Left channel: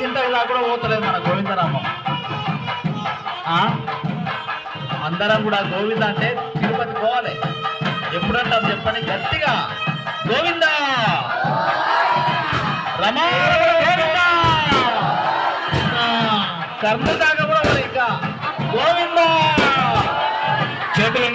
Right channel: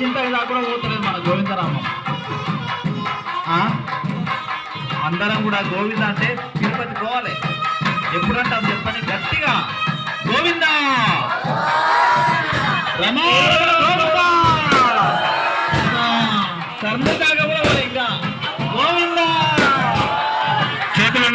చింతకి దాకా కూడా పోతలేదు మన గోవిందరామం. అందరం కూడా గోవింద అంటే తిరుపతి పోవాలి. ఎప్పుడంటాం చెప్పండి గట్టిగా, గోవింద రమా కర్మ దాకా కూడా ఇంకా గోవింద.